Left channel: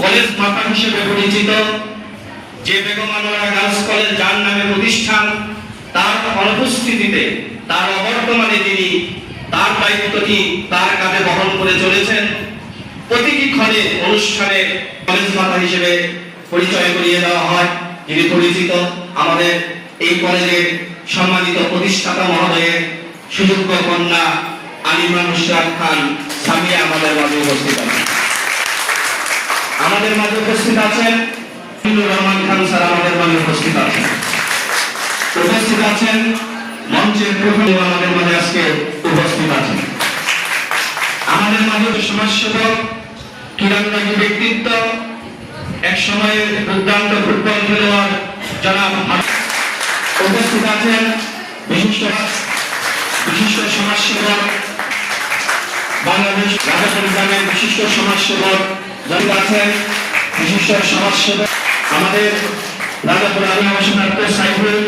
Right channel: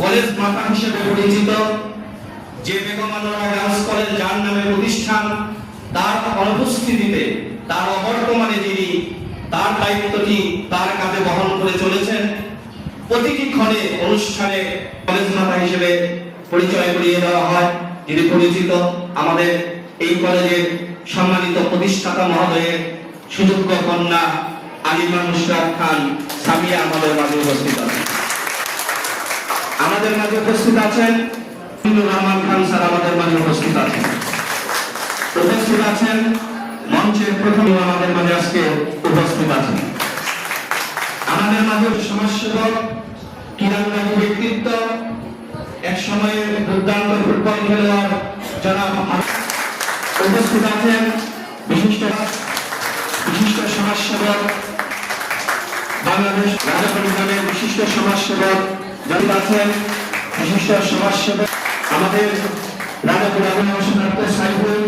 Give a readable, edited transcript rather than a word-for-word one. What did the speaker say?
College মাতা হিসেবে পরিচিত যে বেগম আনোয়ারা গার্লস কলেজ যার নামে প্রতিষ্ঠান, তার অনুপস্থিতিতে, তার অবর্তমানে যিনি তার দায়িত্বটি তার কাঁধে বহন করে চলেছেন, প্রতিটি ক্ষণে অনুষ্ঠানে কলেজ মাতা হিসেবে পরিচয় করিয়ে দেওয়া হয়। যিনি পরিচিত আমাদের এই কলেজের সম্মানিত প্রতিষ্ঠাতা মহোদয়ের সুযোগ্য কন্যা আলিমা নুসরাত খান সামিয়া আমাদের মাঝে উপস্থিত আছেন। আমাদের মাঝে উপস্থিত আছেন রহমান খান স্যার, আমাদের মাঝে উপস্থিত আছেন। উপস্থিত আছেন মঞ্চের প্রথম আমাদের মাঝে আজকে উপস্থিত আছেন। আমাদের মাঝে সমাজসেবক, ক্রীড়ানুরাগী ব্যক্তিত্ব, এক সময়ের দুর্দান্ত ফুটবল খেলোয়াড় জনাব উপস্থিত আছেন বিশিষ্ট সমাজসেবক, বাংলাদেশ রাজাপুর গ্রামের বিশিষ্ট সমাজসেবক আছেন, বিশিষ্ট সমাজসেবক আমাদের রাজাপুর আদিবাসী ডাক্তার সাইফুল